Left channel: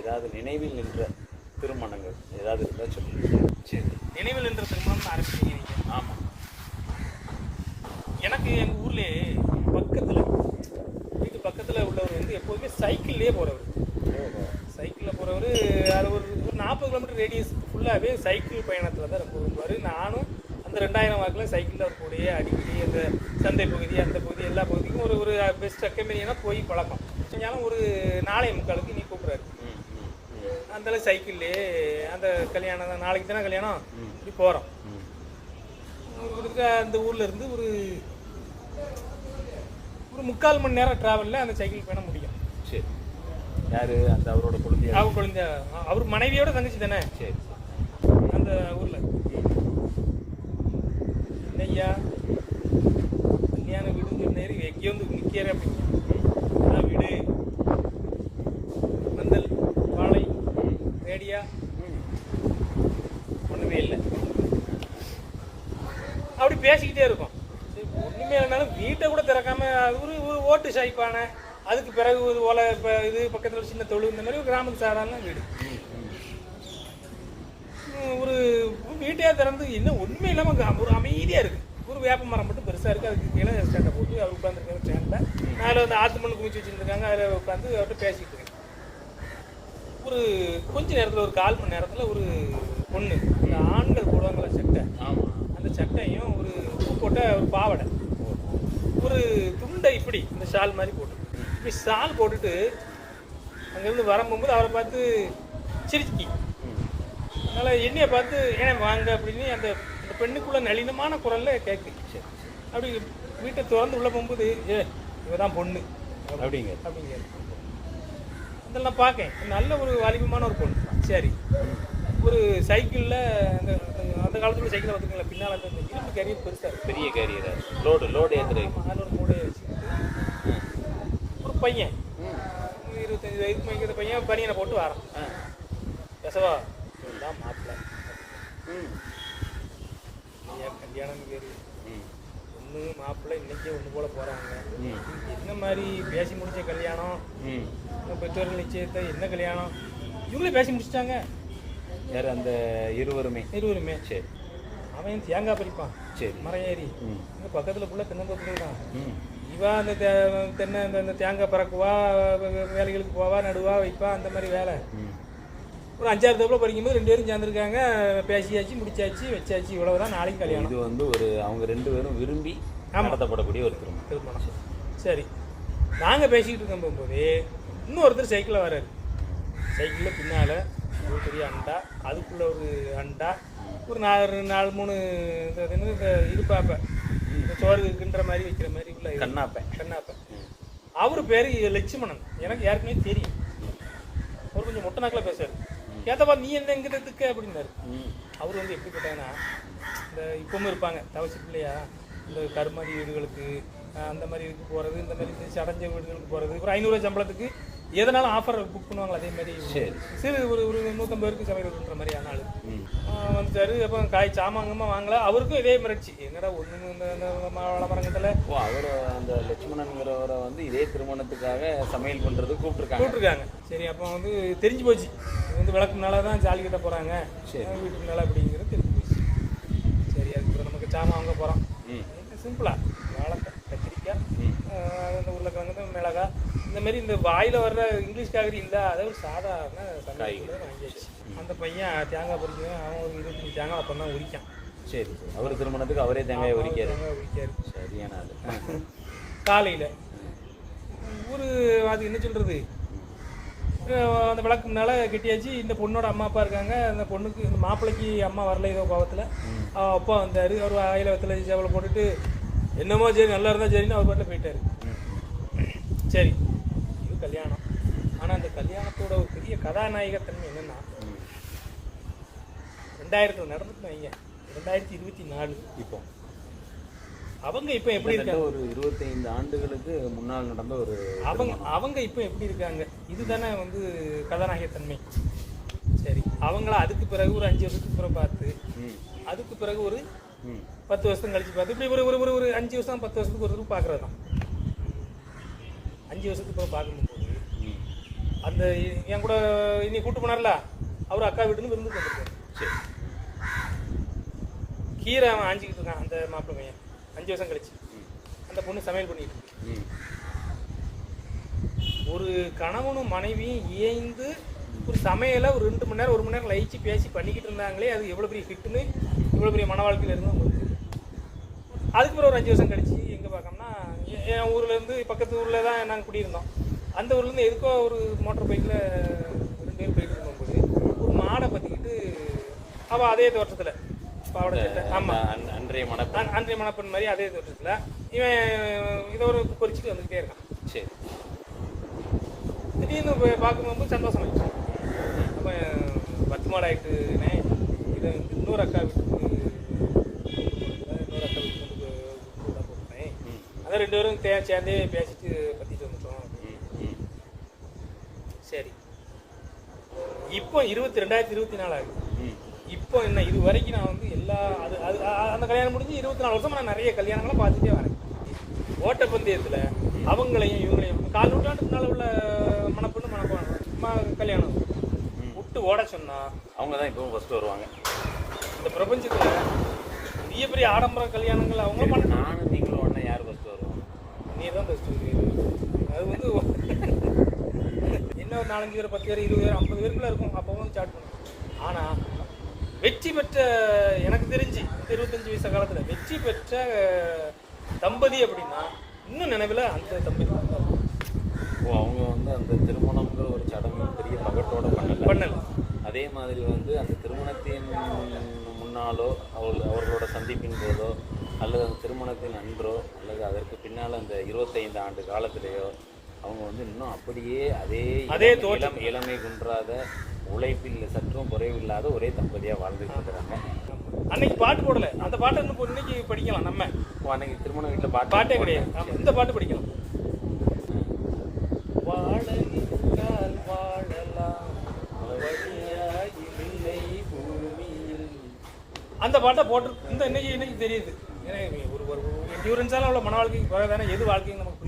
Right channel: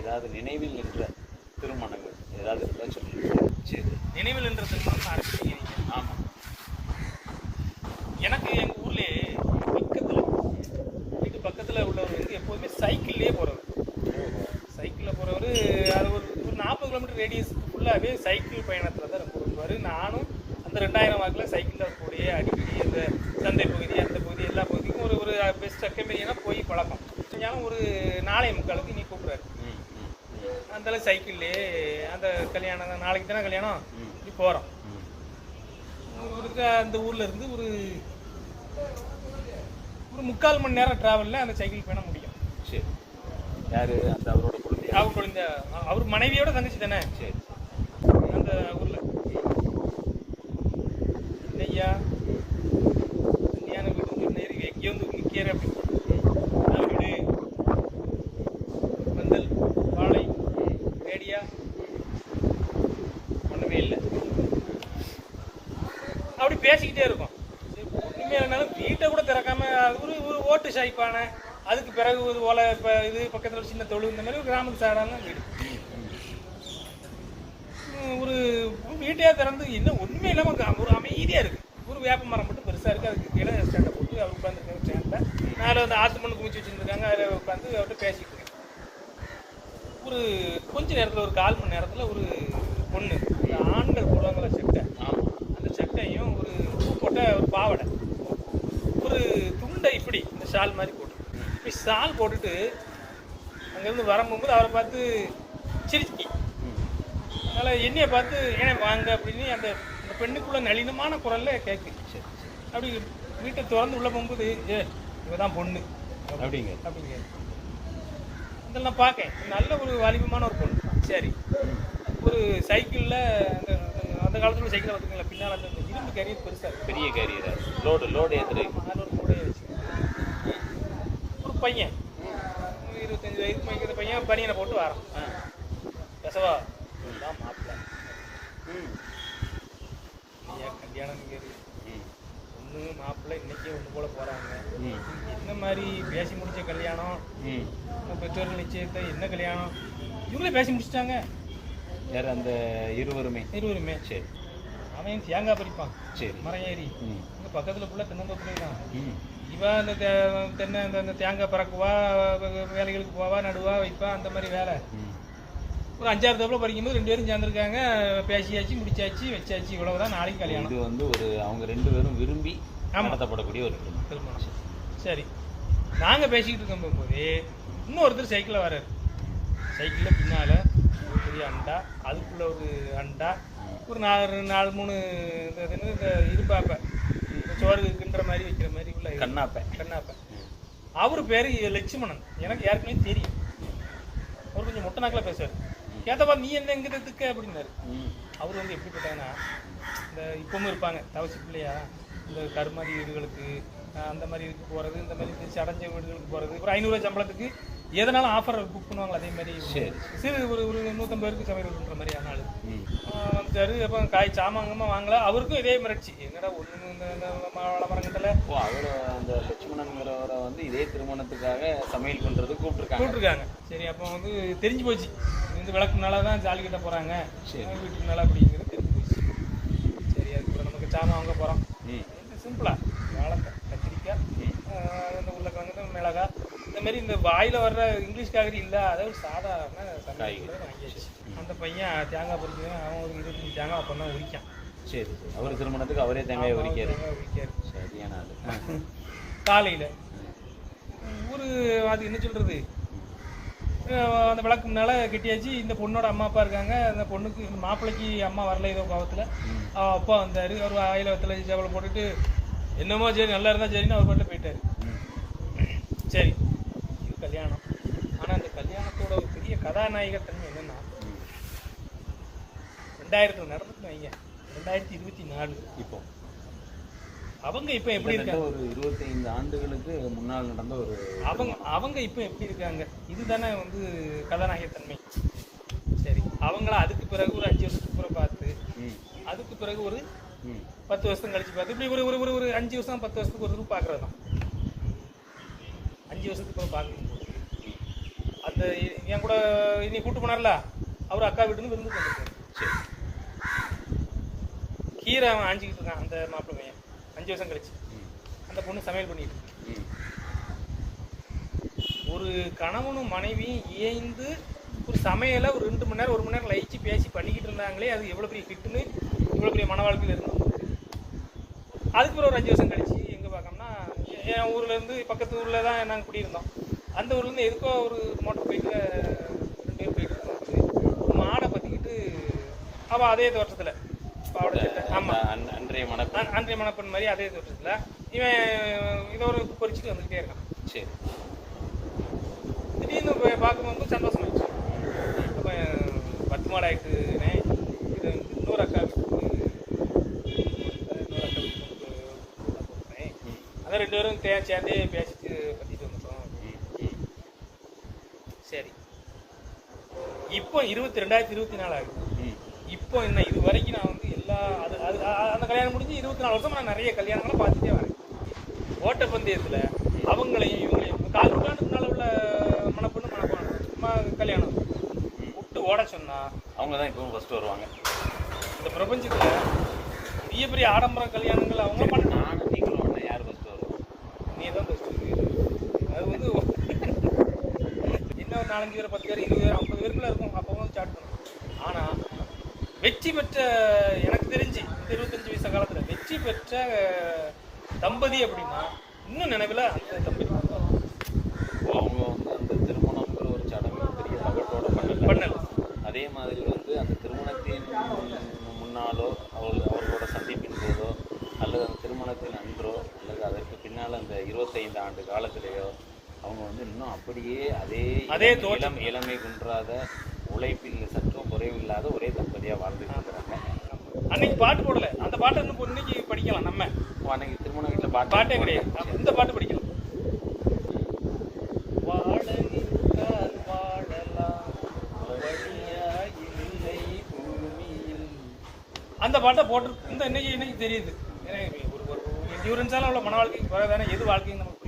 ஏதாவது நினைவில் நின்ற திருமணங்கள் ஏதாவது இருந்தால் சொல்லுங்க. சரி, நினைவில் நின்ற திருமணம் ஆரம்பிச்சிங்க நீங்கள்? ஆமாம். எனக்கு எங்கள் ஊர்லேயே பக்கத்தில் வீட்டு பக்கத்தில் உள்ளவர் வந்து எப்போதுமே சைக்கிள்லேயே போகிறவர். சைக்கிளில் போகிறவர். அது ஒரு 40 கிலோமீட்டர் ரேடியஸுக்கு ஃபுல்லாகவே சைக்கிள் பயணத்தில் தான் ரொம்ப விரும்புவார். நானும் அந்த 2000 வாக்கில் சைக்கிளில் அவர் கூடயே அடிக்கடி அந்த சந்தை பகுதி அந்த பகுதி எல்லா பகுதிக்கும் ஒரு பெஸ்ட் அக்கம்பெனினா போய் பழக்கம். செஞ்சாலும் ஒரு 4:45 நீ கூப்பிட்றாரு. அந்தளவு சைக்கிள்லேயே அந்த கல்யாணம் தான், நாளைக்கு தானே கல்யாணம், இப்படி போகிறோம். அந்த ஊரில் இருந்து ஒரு 3/4 மணி நேரம் ட்ராவலில் அந்த சைக்கிள் பயணம் முடியும். சரி. யார் அந்த அவரோட குழந்தை? அவர் குழந்தை, அவர் மனைவியோட தங்கச்சி தானே. சரி. அந்த ஊரில் என்னையா கல்யாண வீடுன்னு சொன்னேரி எங்கேயோ வந்து நிற்கிற அப்படிங்க. அதான் வீடு, பந்தல், வாழை, ரேடியா ஒன்றுமே இல்லை. அப்படி பேசிக்கிட்டே இருக்கும். ஒன்றுமே இல்லைனாலும் வீட்டை கூட திறக்காம ஒரு ஓட்டு சாய்ப்பான, அதுக்கு பிறகு ஒரு ஓலை இது பக்கத்தில் ஒரு சின்ன தொழு, இந்த மாதிரி ஒரு கிராமத்து சாடான வீடு. ஒரு வீட்டையே திறந்து என்ன ஒன்றுமே இல்லாமல் ஒரு அமைதியாக இருக்குது. ஒரு வேப்ப மரம் மட்டும் பெருசாக இருக்குது. அதுக்கு கீழே ஸ்டாண்டை போட்டு அவர் உட்காந்துருக்காரு. ஸ்டாண்டில் மேலே வந்து ஆற்று மண் குமிச்சு வச்சுருந்துருக்காங்க. அதில் உட்காந்து அவர்கிட்ட பேசிக்கிட்டு இருக்கேன். ஒரு கொஞ்ச நேரத்தில் ஒரு 1/4 மணி நேரத்தில் ஒரு பொண்ணு, அந்த ஆண்கள் போடுவாங்களா சட்டை, அந்த சட்டையும் ஒரு பூ போட்ட ஒரு பாவடை, ஒரு துண்டை இப்படி இந்த ஷால் மாதிரி போட்டு இப்படி ஷால் போட்டுட்டு அங்கேருந்து வரும்போது அவரை பார்த்து சிரிக்கி, அதனால் என்னையை பார்த்து ஏன்னா வாங்க அப்படின்னு அந்த பெண்ணுக்குள்ள நளினமான குரலில் கேட்கு. அப்படி வீட்டை திறந்து உள்ளே போகும்போது இவ தான் பொண்ணு அப்படிங்க. அதில் நான் பார்க்கேன், நல்ல ஒரு வாலிபமான ஒரு பொண்ணு. சரி, ஒரு சைக்கிளில் அந்த அந்த காலத்தில் சைக்கிளை பார்த்துங்களா, பின்னால் அந்த இரும்பு கேரியர் பெருசாக இருக்குது, பெரிய கேரியர், லோடு ஏற்றுறீங்க. அதில் ஒரு மூடையை வச்சுக்கிட்டு ஒரு பையன் 25 வயது மைக்கிற பையன் பனியனை போட்டு வரான். பேசவா தான் மாப்பிள்ளை, ஐயா கல்யாணம் கேரு ஒன்று மாப்பிள்ளை இன்னைக்கே ஒன்று போல போகிறாங்க. என்ன மாதிரி பேசி முடிச்ச கல்யாணம், பெற்றோர்கள் நிச்சயத்தை என்ன கல்யாணம், இவங்களே பேசி முடிச்சிட்டாங்க. யார் அந்த இருவருமே? சரி. அவன் தேங்காய் பறிப்பான். சரி. மரம் ஏறி இங்கே பக்கத்தில் ஃபுல்லாக தென்னந்தோப்புகள் தான். இவன் அந்த தென்னை அந்த தேங்காய் பறக்குவா, வேலைகளுக்கு போவா, நடுவா, வைப்பா, அந்த மாதிரி வேலை. ஒரு 5-6 தோப்பில் பறிக்கும்போது 2 பேரும் சேர்ந்துருக்காங்க. பேசியாச்சு, முடிச்சாச்சு, வச்சாச்சு, இவ்வளவுதான். நாளைக்கு கல்யாணம். இது வந்து ஒரு அவங்க 2 பேரும் விரும்பி நடத்தப்படக்கூடிய ஒரு திருமணம். சரி, நாங்கள் பேசிக்கிட்டு இருக்கும் போகும்போது இன்னொருத்தர் சைக்கிளில் வர்றாரு. சைக்கிளில் பின்னால் ஒரு பெரிய அண்டா, அதுக்குள்ளே ஒரு அண்டா, ஒரு 4-3 இந்த இருப்பாப்பை, இந்த சோறு கிண்டுற மாதிரி வைக்கிற மாதிரி உள்ள கண்ணாப்பை. அவர் பேர் லட்சுமணன். எனக்கு யாருக்குமே தெரியும். அவர் கொஞ்சம் மொட்டை நாக்கில் பேசுவார். கேட்டப்பா நீ என்ன எங்கிறதுக்கு அப்படின்னாரு. அவர் வந்து எப்படிப்பட்டாங்கன்னா, இந்த இப்பவும் இருப்பாங்க தவசி பிள்ளையா, இந்த கருமாதி வீடுகளுக்கு அந்த மாதிரி இதுக்கு போகிறது, இந்த மாதிரி சடஞ்ச வீடுகளுக்கு போகிறது, ஒரு 500 ரூபா சம்பளத்துக்கு எதனாலும் ஆஃபர் புக் பண்ணுவாங்களா, அதே மாதிரி சிறு ஒரு 150 பேருக்கு சமையல் பண்ணுற மாதிரி ஆனாலும் வந்துட்டாரு. அப்போ காய் சாமாங்கமாக வாங்கலாம். அவருக்கும் இதே மிரட்சி, என்னடா ஒன்று இந்த வளமரங்கத்தில் அவர் அந்த லட்சுமணன்கிறவரை வந்து இதே திருமணத்துக்காக சமையல் பண்ணுறது கூப்பிட்டுருக்காங்க. சரி, அப்போ வந்து தெரிஞ்சு போச்சு, இது வந்து விளக்குனால தான் ஜாலி கிட்ட போகிறாங்க, வீட்டுக்குனால அப்படிங்கிறது தெரிஞ்சு போச்சு. சரி, அதுக்கப்புறம் நமக்கு சாமான் வாங்க போகிறோம். சிம்பிளாக வாழைக்காய், கத்திரிக்காய், இந்த உருளைக்கிழங்கு, மிளகாய், இந்த மாதிரி இந்த வாயில் வர்ற இங்கிலீஷ் காய்கறி இல்லை, அதாவது சாதாரண காய்கறி வாங்கியாச்சு. அந்த பையன் தேங்காய் பறிக்கணும். அவன் ஒரு 25 தேங்காய் அப்போ தான் உரிக்கான். சரி, அவர் திருமணத்துக்கு அவரே தேங்காய் உரிக்காரு. சரியான ஆளு. காலையில் ஒரு அது என்ன சொல்கிறது, அந்த விளக்கு முன்னால் கெட்டியாச்சு. இந்த பொண்ணோட அம்மா அப்பா இருக்காங்க. அந்த பொண்ணுக்கு, இந்த மாப்பிள்ளைக்கு அம்மா வரல ஏதோ கோபத்தில். அப்பா வந்தார். அவர் ஆயில வத்தில் சேவலை போட்டுட்டு என்னமோ சரி நல்லா இருந்தால் சரின்னு அவர் பாட்டில் போயிட்டார். சரி, இது கல்யாணம். ஆனால் அந்த கல்யாணத்தோட ஒரு பெரிய கதாநாயகத்தன்மை என்னென்னா, 2000 நடந்துட்டு வைங்க, 2024 இப்போ அவங்க இப்போ எப்படி இருக்காங்க, ஒரு 25 ஆண்டுகளுக்கு முன்னால் நடந்த ஒரு அவங்க இப்போ எப்படி இருக்காங்க, இதுதானே வந்து கதாநாயகத்தன்மை. சரி, அவங்கள அதுக்கு பிறகு ஒரு 5 வருஷத்துக்கு பிறகு பார்த்து, அதுக்கு பிறகு ஒரு 10 வருஷம் கழிச்சு பார்த்து, இப்படி ஒரு 5 வருஷம் 10 வருஷத்துக்கு ஒரு பார்க்குறது தான். 5 வருஷத்துக்கு பிறகு பார்க்கும்போது அந்த என் கூட இன்னைக்கு கூட்டு போனார்ல அவர் அக்கா வீட்டுன்னு விருந்துக்கு வந்திருக்காரு. சரி. கீரை அவன் ஆஞ்சிக்கிட்டு இருக்கான் அந்த மாப்பிள்ளை பையன். 5 வருஷம் கழிச்சு அந்த பொண்ணு சமையல் பண்ணிட்டு இருக்கு. ஒரு கணவனும் மனைவியும் இயைந்து ஒரு சமையலை ஒரு 2 மணி நேரம் 1 மணி நேரம் லயிச்சு பேசி பண்ணிக்கிட்டு இருந்தாங்களே, அது எவ்வளோ பெரிய ஹிட்டுன்னு இவ்வளோ பெரிய மன வாழ்க்கையில் இருந்து நமக்கு. அதுக்கு பிறகு ஒரு 5 வருஷம் கழிச்சு எங்கே பார்க்கோம்னா என் ஊர்லேருந்து பக்கத்து ஊரில் தான் நாங்கள் குடியிருந்தோம். அந்த ஊர்லேருந்து எதுக்கோ ஒரு மோட்டர் பைக்கில் 2 பேர் போயிட்டு இருந்தோம். ஒரு மாடை பற்றிக்கிட்டு அவள் அதே தோட்டத்தில் பாவடை சட்டை. ஆமாம், அன்றைய மணப்பெண் மாதிரி அதே தோட்டத்தில் இவன் இதை ஒரு பொறிச்சிட்டு வந்துக்கிட்டே இருக்கான். சரி. திடீர்னு பார்க்கும்போது சந்தோஷமாயிடுச்சு. அப்போ 10 மாடு ஆகிட்டுனே இதை இன்னொரு அக்கா வீட்டுக்கு கூட போகிறேன். அதான் 2 பேரும் சேர்ந்தே பேசிட்டு பற்றிட்டு வந்துட்டோம். சரி, இப்போ 2024 ஆகுது. இப்போ என்ன இது வரைக்கும் நான் வந்து எல்லா அது அது அந்த கல்யாணம் முடிஞ்சு 24 வருஷம் நான் நிறைய கல்யாணங்களை பார்த்துட்டே வரேன். ஓட்டப்பந்தயத்தில் அவங்களையும் இவங்களையும் 4 நூற்றாண்டுக்கு முன்னால் உள்ள மணப்பெண்ணு கல்யாணம் விட்டு ஓட சொன்னா அவங்க தான் இப்பவும் ஃபர்ஸ்ட் வருவாங்க. இந்த பிரபஞ்சத்தில் பெரிய பெரிய ஆடம்பர கல்யாணங்கள் அவங்க பண்ண. நானும் நீங்களும் உடனே யார் ஃபர்ஸ்ட் வருவோம்? நீ தான் ஃபர்ஸ்ட். அது வந்து என்ன ஒரு 4-5 பேர் 10 பேர் 20 பேர் 50 பேருக்குள்ள இருக்கும். அப்போ வந்து ஸ்டார்ட் பண்ணும். ஆனால் வெற்றி பெற்ற எனக்கு தெரிஞ்சு இந்த 25 வயசு காலத்தில் வெற்றி பெற்ற தம்பதி அப்படின்னா இன்னும் நினைவில் அந்த தம்பதி அவங்க வந்து அந்த திருமணம்ங்கிற ஒரு சடங்கு பெரிய பகட்டோட பண்ணல. அதே மாதிரி வந்து அந்த திருமணத்தின் முன்னாலோ அவர்களோட சந்திப்பின் போதோ அல்லது அந்த திருமணத்தின் அன்றோ அல்லது அதற்கு பின்னால் அந்த 25 ஆண்டு காலத்திலேயோ அவங்க வந்து இன்னும் அப்படியே அதே இளமை குன்றாத உழைப்பில் சற்றும் குறைவில்லாத ஒரே தம்பதியா வாழ்ந்துட்டு இருக்கிறாங்க. அன்னைக்கு பாட்டு போடல, அந்த பாட்டை இன்னைக்கு படிக்கலாம். நம்ம அன்னைக்கு திருமண வீட்டில் பாட்டே கிடையாது. இந்த பாட்டு படிக்கலாம். அந்த பாட்டை போட்டு இந்த இன்னைக்கு தெரியுது. ஒரு என்டியூரன்ஸால உள்ள மன வாழ்க்கைக்கு தானே எது வாழ்க்கைன்னு நமக்கு